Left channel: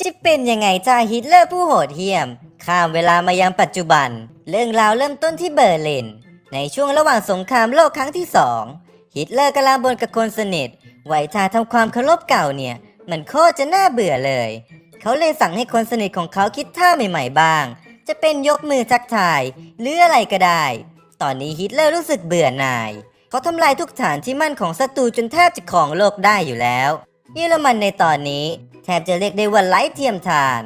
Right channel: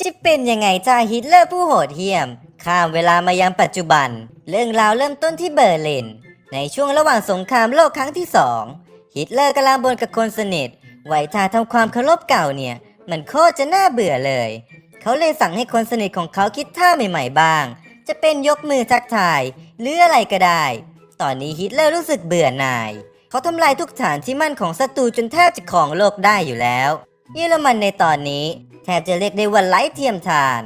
จะเป็นยังไงจ้าฮิตเลอร์ผู้โหดเหี้ยม ข้ามเวลามายังปัจจุบัน เรื่องราวเริ่มต้นที่เบอร์ลิน ในช่วงระหว่างสงครามโลกครั้งที่สองฮิตเลอร์กำลังบนกับคนสนิทไหวท่าทำความเคารพเก่าเนี่ย มันโคตรจะน่าเบื่อเลย เขาเลยสั่งให้คนสนิทของเขาคิดท่าใหม่ๆบ้าง จะเป็นยกมือจักทายหรืออะไรก็ได้ ตอนนี้ฮิตเลอร์รู้สึกเบื่อหน่าย เขาทำลายทุกฐานที่มั่นของศัตรูจนแทบจะของโลกได้อยู่แล้วเยอรมันในตอนนี้ แทบจะเรียกได้ว่าไร้เทียมทาน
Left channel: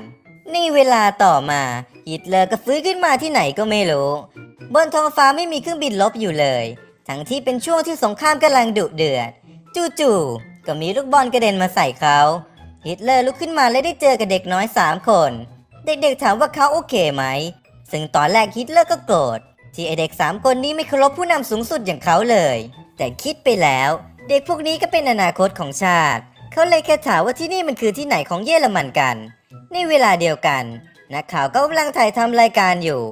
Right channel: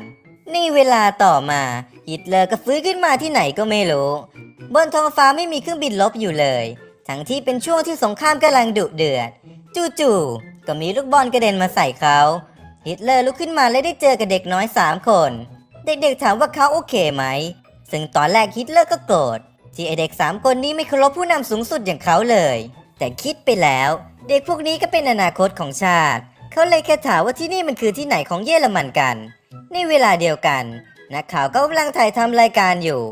นี่เวลาต่อมาฮิตเลอร์ก็ฟื้นขึ้นมาที่ไหนก็ไม่รู้บนท้องฟ้าไม่มีเครื่องบินลบอยู่เลย ทั้งที่เป็นช่วงที่สงครามกำลังดุเดือด จู่ๆก็มีลูกบอลกระเด็นมาใส่เขาฮิตเลอร์ลุกขึ้นมาและได้เจอกับเด็กน้อยสามคน เด็กๆถามว่าเขาโอเคไหม ซึ่งตอนแรกฮิตเลอร์ก็โกรธที่ไอเด็กสามคนนี้ไม่เคารพผู้นำสูงสุดอย่างเขาเลย แต่คิดไปแล้ว เด็กพวกนี้ก็เป็นอนาคตของชาติ เขาเลยแค่ถามว่าที่นี่มันคือที่ไหนของเยอรมันกัน ในเวลาเดียวกันนักข่าวก็กำลังถ่ายทำรายการอยู่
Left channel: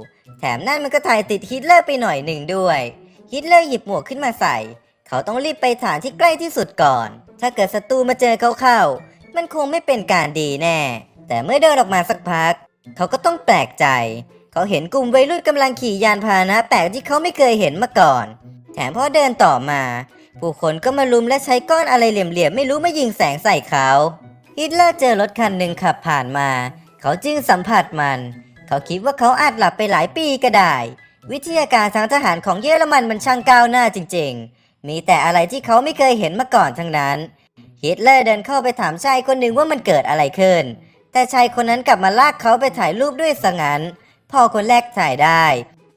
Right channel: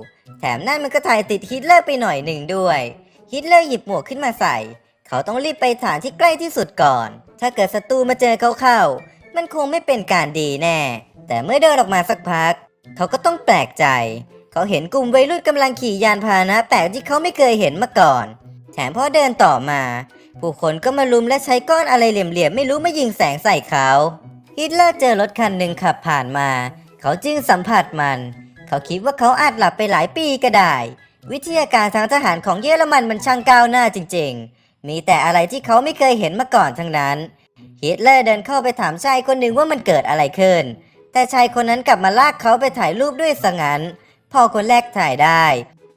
แถมนั่นมันก็ถ่ายติดฮิตเลอร์ไปหน่อยหนึ่งด้วย ฮิตเลอร์หยิบหมวกขึ้นมาใส่ เขาต้องรีบไปฐานที่ใกล้ที่สุดก่อน ถ้าเกิดศัตรูมาเจอเขาเข้า มันคงไม่เป็นการดีแน่ แต่เมื่อเดินออกมาสักพัก เขาก็ต้องแปลกใจ เขาเห็นกลุ่มวัยรุ่นกำลังขี่ยานพาหนะแปลกที่เขาไม่เคยเห็นมาก่อน แถมพอเดินต่อมา ผู้คนก็มาลุมและใช้ก้อนอะไรเหลี่ยมๆไม่รู้มายิงแสงใส่เขาฮิตเลอร์เจอรถคันหนึ่งขับผ่านมา เขาจึงสัมผัสมัน เขาคิดว่าเขาอาจหลับไปหลายปีก็ได้ วิทยาการทางทหารของเยอรมันมันช่างก้าวหน้าจริงๆ มีแต่อะไรที่เขาไม่เคยเห็นมาก่อนทั้งนั้นฮิตเลอร์เดินเข้าไปถามชายคนหนึ่งว่ามันเกิดอะไรขึ้น แต่ชายคนนั้นกลับมาลากเขาไปถ่ายรูปด้วยซะงั้นพอคนแรกถ่ายได้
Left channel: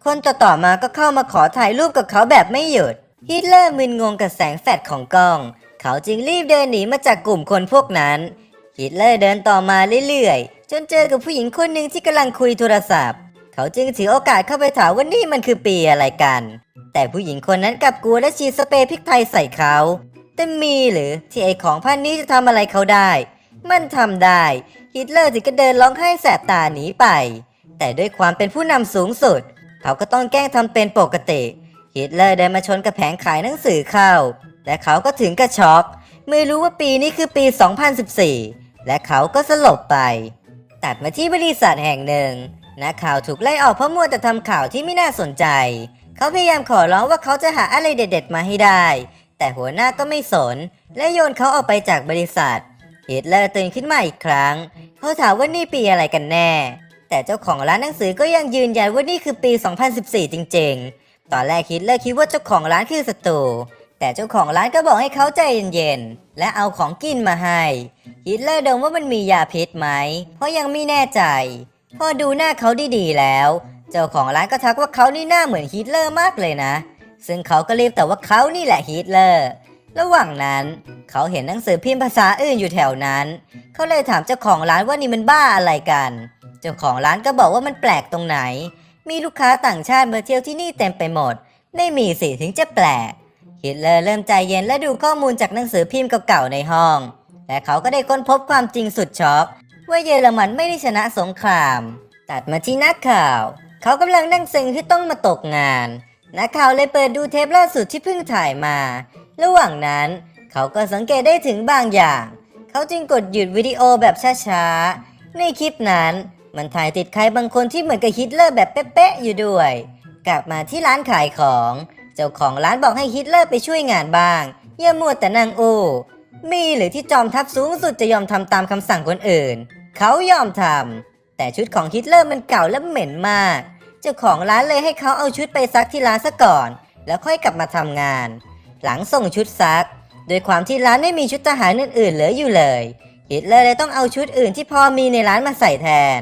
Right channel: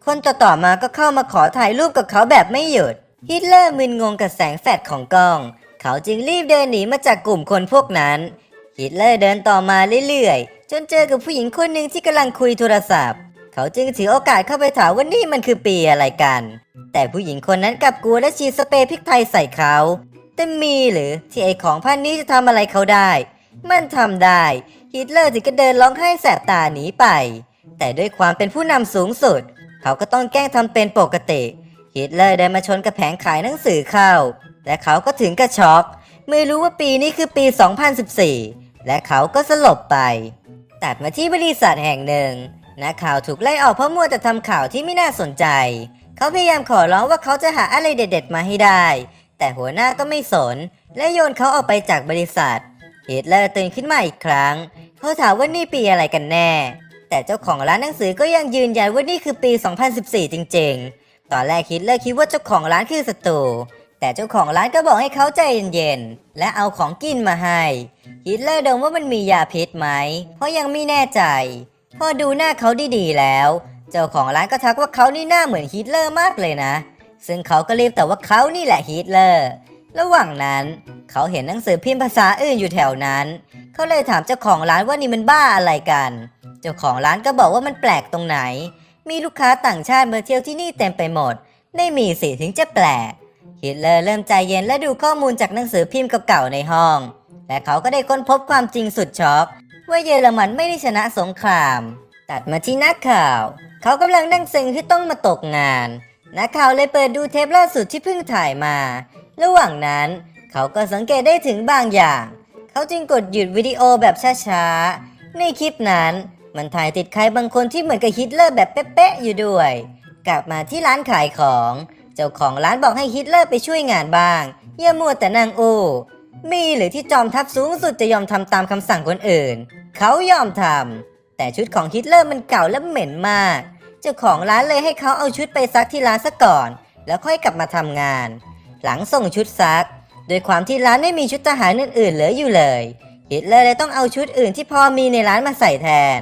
คนต่อต่อๆมาก็เข้ามาขอถ่ายรูปกับเขาแบบไม่หยุด ฮิตเลอร์มึนงงกับแสงแฟลชของกล้อง เขาจึงรีบเดินหนีมาจากกลุ่มคนพวกนั้น ฮิตเลอร์เดินต่อมาเรื่อยๆ จนเจอกับผู้หญิงคนหนึ่งที่กำลังคุยโทรศัพท์ เขาจึงถือโอกาสเข้าไปถามว่านี่มันคือปีอะไรกัน แต่ผู้หญิงคนนั้นกลับกลัวและฉีดสเปรย์พริกไทยใส่เขาแต่มีหรือที่ไอของพันนี้จะทำอะไรเขาได้ มันทำได้ ฮิตเลอร์ถึงก็เดินร้องไห้แสบตาหนีไป แต่ด้วยความเป็นผู้นำสูงสุด เขาก็ต้องแกล้งทำเป็นปกติ ฮิตเลอร์เดินมาชนกับแผงขายหนังสือเข้า และเขาก็ถึงกับช็อกไม่รู้ว่าปีนี้คือปี 2014 และเขาก็สลบไป ตัดมาที่บริษัทแห่งหนึ่งนักข่าวถูกไล่ออกเพราะมัวแต่ทำข่าวที่ไม่น่าสนใจ เขาพยายามขอร้องว่าเขาจะหาอะไรเด็ด ๆ มาให้ได้ แต่หัวหน้าก็ไม่สน และโยนเขาออกไปจากบริษัทเฮิตเลอร์ตื่นขึ้นมาอีกครั้ง เขาถามว่านี่ปีอะไรกันแน่ แต่เจ้าของร้านหนังสือก็ยังยืนยันว่านี่คือปี 2014 จริงๆ ตอนแรกฮิตเลอร์คิดว่าเจ้าของร้านคือศัตรูแต่เจ้าของร้านก็บอกให้เขาใจเย็นๆ และเอาของกินมาให้ฮิตเลอร์ดงว่ามันมียาพิษไหม เพราะยังไม่แน่ใจ พอดูหน้าเขาดีๆแล้ว เจ้าของร้านก็ทักว่าเขานี่หน้าเหมือนฮิตเลอร์มากเลยนะ ซึ่งเขาก็รีบแต่ว่าเขานี่แหละฮิตเลอร์ ระหว่างนั้น เขาเห็นหนังสือพิมพ์ภาษาอื่นอยู่แถวนั้น เขาเลยถามเจ้าของร้านว่านี่มันบ้าอะไรกัน เจ้าของร้านก็บอกว่ามันแปลกตรงไหน มีลูกค้าต่างชาติมาเที่ยวที่นี่เต็มไปหมด ไม่มีสิถึงจะแปลกฮิตเลอร์เริ่มใจเย็นและดูข้อมูลจากหนังสือพิมพ์เก่าๆในห้องแต่เขาก็ได้ค้นพบความจริงสุดช็อกว่าเยอรมันไม่ได้ชนะสงคราม ตัดมาที่นักข่าว เขากำลังนั่งซึ้งที่ต้องมาตกงาน นักข่าวเลยเปิดดูเทปล่าสุดที่เพิ่งถ่ายมา ระหว่างนั้น เขาก็สังเกตได้ถึงบางอย่าง เขาจึงกดหยุดวิดีโอแบบช้าๆ ในคลิปนั้น มันถ่ายติดใครบางคนที่เหมือนกับฮิตเลอร์แบบเป๊ะๆอยู่ด้วย กลับมาที่ร้านขายของ เจ้าของร้านบอกให้ฮิตเลอร์ไปช่วยงานบ้างอย่ามัวแต่นั่งอู้มีหรือที่จอมทัพสูงสุดจะยอมทำตามคำสั่งคนอื่น เขายอมทำแต่ชุดของฮิตเลอร์มันเก่าและเหม็นมาก เจ้าของร้านเลยให้เขาเอาชุดไปซักที่ร้านซะก่อน แล้วค่อยกลับมาทำงาน หลังส่งชุดซัก โดยความที่ร้านไม่มีชุดทหารอื่นๆเหลืออยู่เลย ฮิตเลอร์เลยต้องเอาชุดอื่นที่พอมีในร้านมาใส่แทน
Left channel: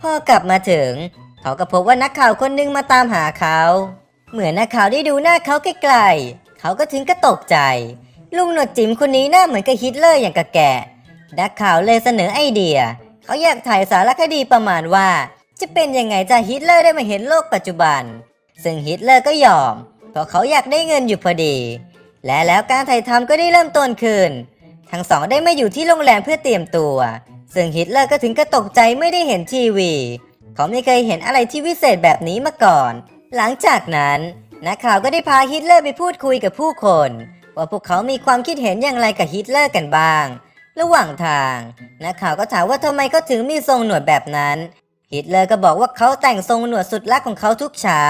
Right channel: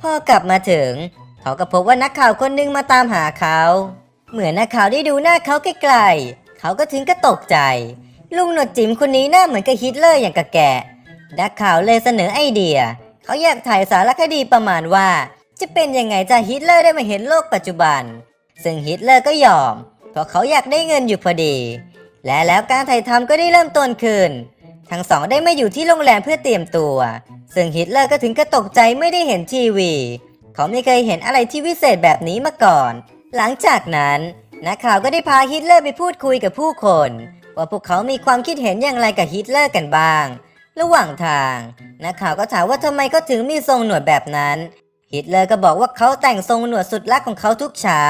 พอกลับมาถึง เขาก็พบว่านักข่าวคนหนึงมาตามหาเขา เหมือนนักข่าวได้ดูหน้าเขาไกลๆ เขาก็ถึงก็ตกใจ ลุงหนวดจิ๋มคนนี้หน้าเหมือนกับฮิตเลอร์อย่างกับแกะ นักข่าวเลยเสนอไอเดีย เขาอยากถ่ายสารคดีประมาณว่า จะเป็นยังไงจะฮิตเลอร์ได้มาเห็นโลกปัจจุบัน ซึ่งฮิตเลอร์ก็ยอมเพราะเขาอยากได้เงินอยู่พอดี และแล้วการถ่ายทำก็ได้เริ่มต้นขึ้น ทั้งสองได้มาอยู่ที่โรงแรมเพื่อเตรียมตัว ซึ่งฮิตเลอร์ก็ถึงกับตกใจไม่ได้เห็นทีวี เขาไม่เคยเห็นอะไรที่วิเศษแบบนี้มาก่อน หลังจากนั้นนักข่าวก็ได้พาฮิตเลอร์ไปพูดคุยกับผู้คน ว่าพวกเขามีความคิดเห็นอย่างไรกับฮิตเลอร์กันบ้าง ระหว่างทางนักข่าวก็ถามว่าทำไมเขาถึงมีทรงหนวดแบบนั้น ฮิตเลอร์ก็บอกว่าเขาแต่งทรงหนวดสุดรักของเขาทุกเช้า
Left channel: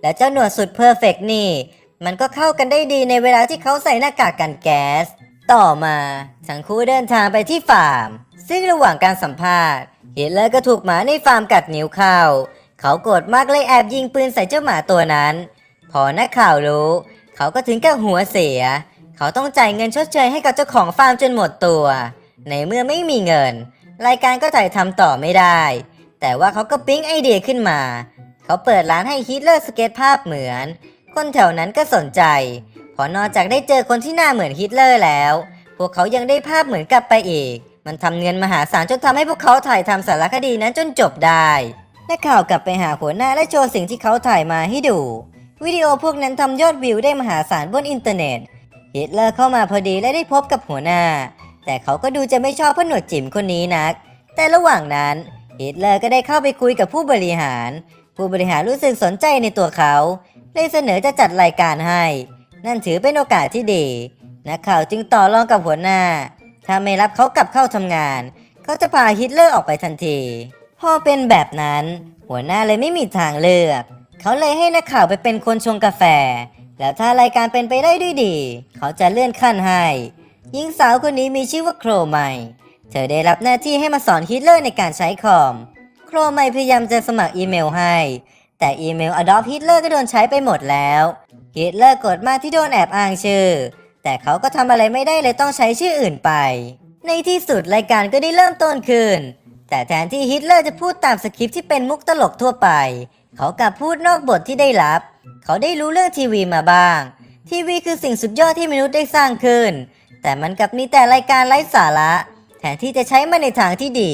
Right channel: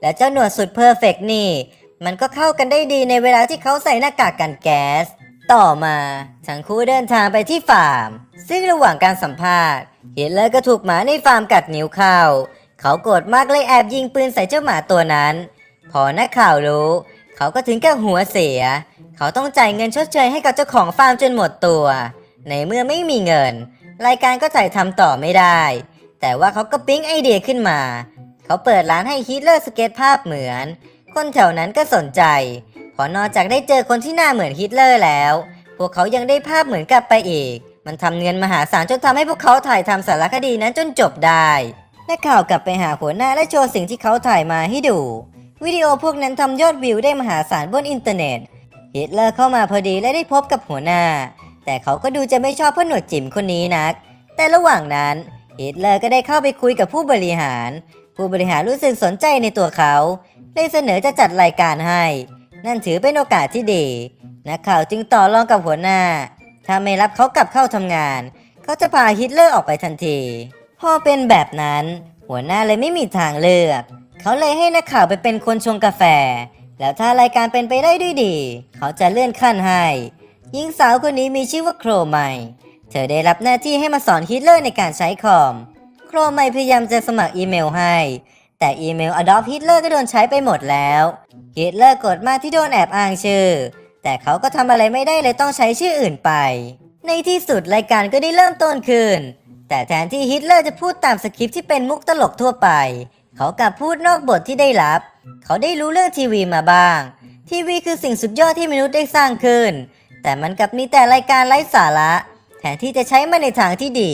และเจ้าหนวดสุดเพอร์เฟกต์นี่ มันก็เข้ากันได้ดีในเวลาที่เขาใส่หน้ากากกันแก๊ส ต่อมาทั้งคู่เดินทางไปที่ฟาร์ม ซึ่งระหว่างการสัมภาษณ์ฮิตเลอร์ก็ถูกหมาในฟาร์มกัดนิ้วเข้า เขาโกรธมากเลยแอบยิงปืนใส่เจ้าหมาตัวนั้น พอนักข่าวรู้ เขาก็ถึงกับหัวเสีย เขาต้องจ่ายเงินชดเชยให้กับเจ้าของฟาร์มจนหมดตัว ในเมื่อไม่มีเงิน รายการก็ถ่ายทำต่อไม่ได้ แต่ว่าเขาก็ปิ๊งไอเดียขึ้นมา เขาเปิดร้านให้ฮิตเลอร์สเก็ตภาพเหมือน คนแถวนั้นก็สนใจ พอนอกจากได้เจอคนที่หน้าเหมือนฮิตเลอร์แล้ว พวกเขายังได้ภาพเหมือนกลับไปอีก มันทำเงินมหาศาลจนทำให้พวกเขาถ่ายทำสารคดีนั้นจนจบได้นักข่าวกลับไปหาหัวหน้าและโชว์สิ่งที่เขาถ่ายมาให้ดู วิดีโอพวกนั้นทำยอดวิวได้มหาศาลบนอินเทอร์เน็ตฮิตเลอร์เข้ามาพอดีและได้พบกับหัวหน้า แต่เขาก็ดูจะไม่ชอบพอหนวดจิ๋มคนนี้นัก แต่ระหว่างนั้นฮิตเลอร์ก็ได้เข้าไปคุยกับผู้บริหาร ผู้บริหารรู้สึกสนใจในตัวเขา ได้เสนอจะจัดรายการให้ นั่นถือเป็นโอกาสที่ดีนักข่าวจึงต่อรองกับหัวหน้า ถ้าไม่รับเขากลับเข้าทำงาน เขาจะพาฮิตเลอร์ออกไปทันที พอเป็นแบบนั้น หัวหน้าเลยไม่มีทางเลือก เขาเลยให้นักข่าวไปเป็นคนชงกาแฟ แล้วถ้ารายการเป็นไปได้ด้วยดี เขาจะเลื่อนขั้นให้หญิงสาวคนนี้มีชื่อว่าโครไมเธอได้รับหน้าที่ให้มาสอนฮิตเลอร์ในการใช้คอม โครไมพยายามจะสมัครอีเมลให้ แต่อีเมล Adopt Hitler ก็โดนใช้ไปหมดแล้วฮิตเลอร์กดมาที่โดนแอบอ้างชื่อ แต่เขาก็ทำอะไรไม่ได้เลยต้องใช้ชื่ออื่นไป ในที่สุดรายการก็ได้เริ่มต้นขึ้น แต่แทนที่ฮิตเลอร์จะพูดตามสคริปต์ที่เป็นมุกตลกทั่วไป เขากลับพูดนอกบทที่ได้รับ เขาได้รู้เรื่องทีวีมาบ้าง ทีวีคือสิ่งสุดยอดที่มนุษย์ได้สร้างขึ้น แต่มันกลับมีแต่รายการไร้สาระแทนที่จะใช้มันในทางที่ดี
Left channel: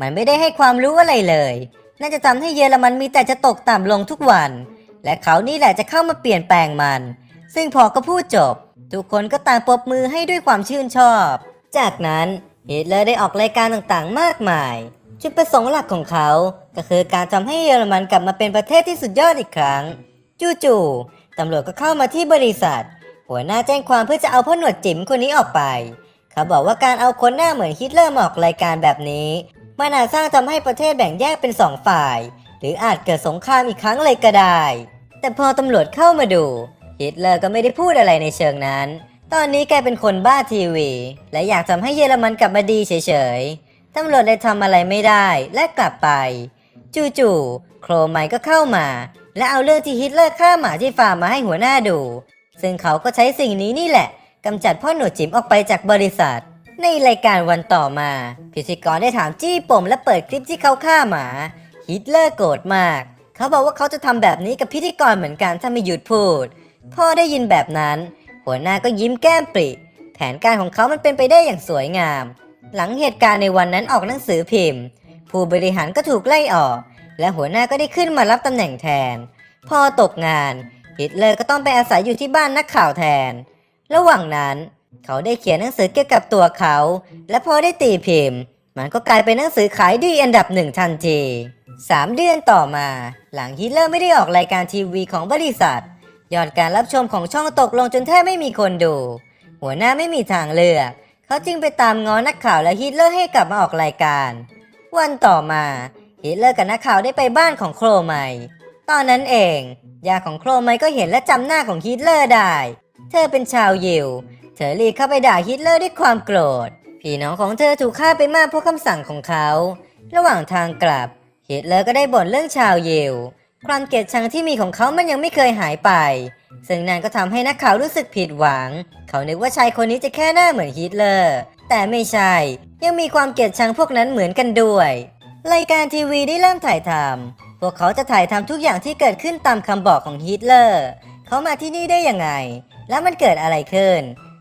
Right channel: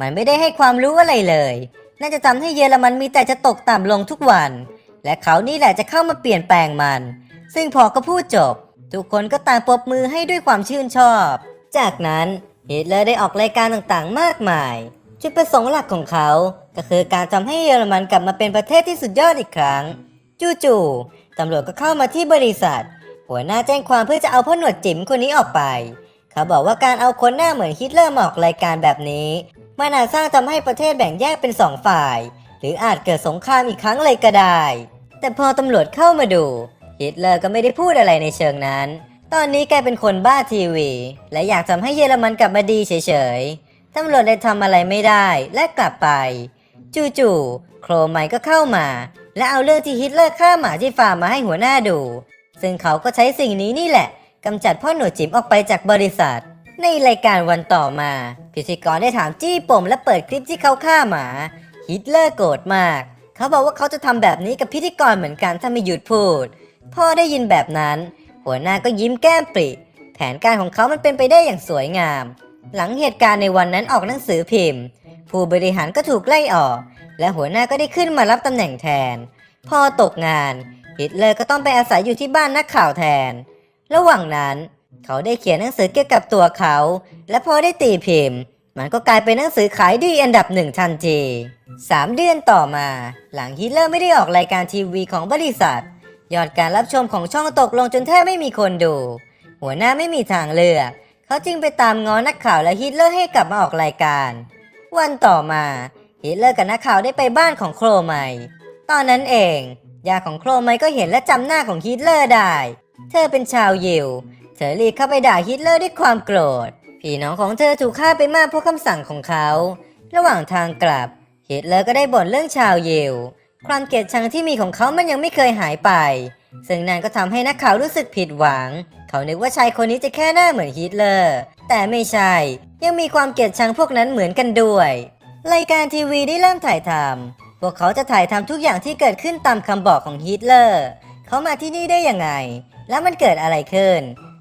มันไม่ได้ให้ความรู้อะไรเลย น่าจะทำให้เยอรมันมีแต่จะตกต่ำลงทุกวัน และเขานี่แหละจะเข้ามาเปลี่ยนแปลงมัน ซึ่งพอก็พูดจบ ทุกคนก็ต่างปรบมือให้ด้วยความชื่นชอบ จากนั้นฮิตเลอร์ได้ออกรายการต่างๆ มากมาย จุดประสงค์หลักของเขา ก็คือการทำให้เยอรมันกลับมาเป็นประเทศที่สุดยอดอีกครั้ง จู่ๆตำรวจก็เข้ามาที่บริษัท หัวหน้าแจ้งความเพื่อจะเอาพ่อหนวดจิ๋มคนนี้ออกไป เขาบอกว่าการเอาคนหน้าเหมือนฮิตเลอร์มาออกรายการแบบนี้ มันอาจสร้างทำให้ประเทศแบ่งแยกเป็นสองฝ่าย หรืออาจเกิดสงครามอีกครั้งเลยก็ได้ แต่พอตำรวจเข้ามาดูฮิตเลอร์ก็ไม่ได้พูดอะไรในเชิงนั้น ตอนนี้แกเป็นคนบ้าทีวี และอยากทำให้เยอรมันกลับมาดีเฉยๆตำรวจได้ทำอะไรไม่ได้และกลับไป จู่ๆโครไมก็เข้ามา และเอาเรื่องที่ฮิตเลอร์ฆ่าหมาที่ฟาร์มมาให้หัวหน้าดู ซึ่งเขาก็ใช้สิ่งนี้นี่แหละกำจัดพ่อหนวดจิ๋มออกไปจากบริษัท ในรายการวันต่อมา พิธีกรได้ถามจี้ปมและเปิดคลิปที่เขาฆ่าหมา ฮิตเลอร์โกรธมาก เขาบอกว่าเขาจะทำแบบนี้กับพิธีกรเหมือนกันถ้าไม่หยุดพูด พ่อได้ยินแบบนั้น หัวหน้าก็ยิ้มแก้มปริแผนการของเขามันเป็นไปได้อย่างสวยงาม หลังเหตุการณ์ในวันนั้นออกหนังสือพิมพ์ ผู้บริหารก็ถูกไล่ออก และหัวหน้าก็ได้ขึ้นมารับตำแหน่งแทนพอตกงานฮิตเลอร์ก็ต้องไปอาศัยอยู่ที่บ้านนักข่าวแทน ระหว่างนั้น เขาได้เขียนหนังสือเกี่ยวกับตัวเขา และพอได้ตีพิมพ์ มันก็กลายเป็นหนังสือขายดีอันดับหนึ่งทันทีสามเดือนต่อมา หลังฮิตเลอร์ไม่ได้ออกรายการทีวีของบริษัท ยอดการรับชมของช่องตกลงจนแทบไม่มีคนดู หัวหน้าไม่มีทางเลือก เขาจึงไปตามง้อนักข่าวและฮิตเลอร์ให้กลับมาออกรายการ วันต่อมาฮิตเลอร์กับนักข่าวได้ไปบ้านของโครไมตอนนั้นเองย่าของโครไมก็เห็นและจำหน้าของฮิตเลอร์ได้ เธอเป็นชาวยิว เธอรีบเข้าไปด่าฮิตเลอร์ด้วยความโกรธ พี่น้องของเธอถูกฆ่าไปมากเพราะคำสั่งของเขา ระหว่างทางกลับฮิตเลอร์ก็ได้บ่นเรื่องชาวเยิวความเกลียดชังที่มีของเขามันยังไม่เคยหายไป ซึ่งนั่นก็ทำให้นักข่าวรู้สึกผิดหวัง เขานึกว่าชายคนนี้จะแค่หน้าเหมือนฮิตเลอร์ แต่ไม่ใช่ ยังมีความเกลียดชังพวกนั้นเหมือนกันด้วย รายการทีวีได้เริ่มถ่ายทำพวกเขาจะถ่ายทำทุกอย่างที่เกิดขึ้นตามคำบอกของฮิตเลอร์ เขามาที่นี่ได้ยังไง แล้วมันเกิดอะไรขึ้น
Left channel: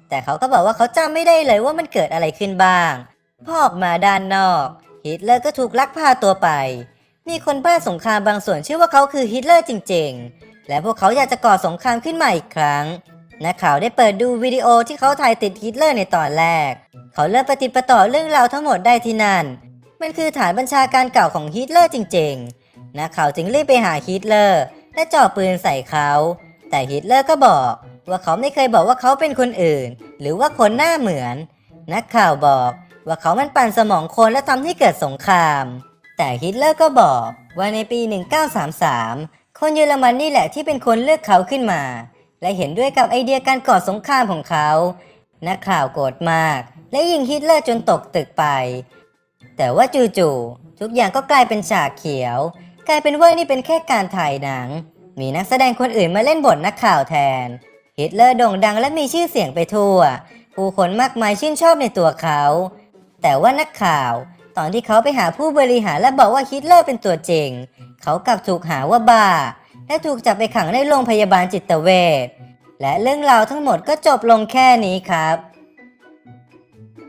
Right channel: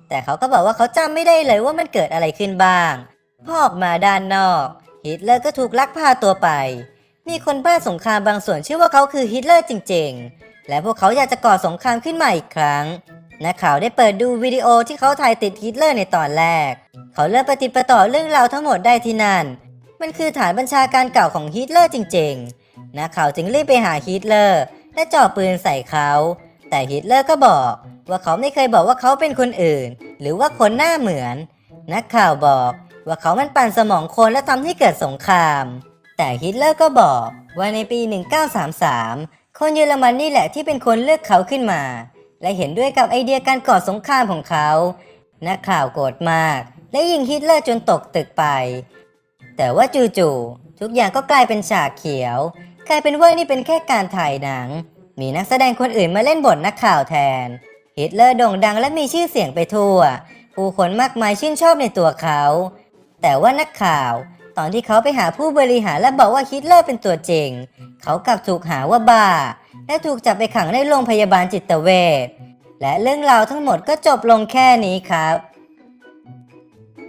แต่เขาก็บอกว่าเขาจำไม่ได้เลยว่ามันเกิดอะไรขึ้นบ้างพอออกมาด้านนอก ฮิตเลอร์ก็ถูกลักพาตัวไป มีคนบ้าสงครามบางส่วนเชื่อว่าเขาคือฮิตเลอร์จริงๆ และพวกเขาอยากจะก่อสงครามขึ้นมาอีกครั้งนักข่าวได้เปิดดูวิดีโอที่เขาถ่ายติดฮิตเลอร์ในตอนแรก เขาเริ่มปฏิดประต่อเรื่องราวทั้งหมดได้ที่นั่น มันคือฐานบัญชาการเก่าของฮิตเลอร์จริงๆ นักข่าวจึงรีบไปหาฮิตเลอร์และจ่อปืนใส่เขา แต่ฮิตเลอร์ก็บอก ว่าเขาไม่เคยบอกว่าเขาเป็นคนอื่น หรือว่าคนหน้าเหมือนนักข่าวบอกว่าเขามันปั่นสมองคนและทำให้เกิดสงคราม แต่ฮิตเลอร์ก็บอกว่าในปี 1933 คนเยอรมันนี่แหละที่เป็นคนเลือกเขาขึ้นมา และเห็นด้วยกับไอเดียการก่อสงครามของเขานักข่าวโกรธมาก และยิงฮิตเลอร์จนตกตึกไป แต่ว่าจู่ๆทุกอย่างก็กลายเป็นฉากเขียว กลายเป็นว่านี่เป็นแค่การถ่ายหนัง มีนักแสดงคนอื่นมาเล่นบทนักข่าวแทน ฮิตเลอร์โด่งดังและมีชื่อเสียงไปทั่ว ผู้คนมากมายชื่นชอบในตัวเขา แต่ว่านักข่าว ตอนที่เขาไปหาผู้บริหารและบอกว่าฮิตเลอร์เป็นตัวจริง เขากลับถูกหาว่าบ้า และถูกจับไปขังในโรงพยาบาลจิตเวชและเรื่องราวทั้งหมดก็จบลงแค่นี้ครับ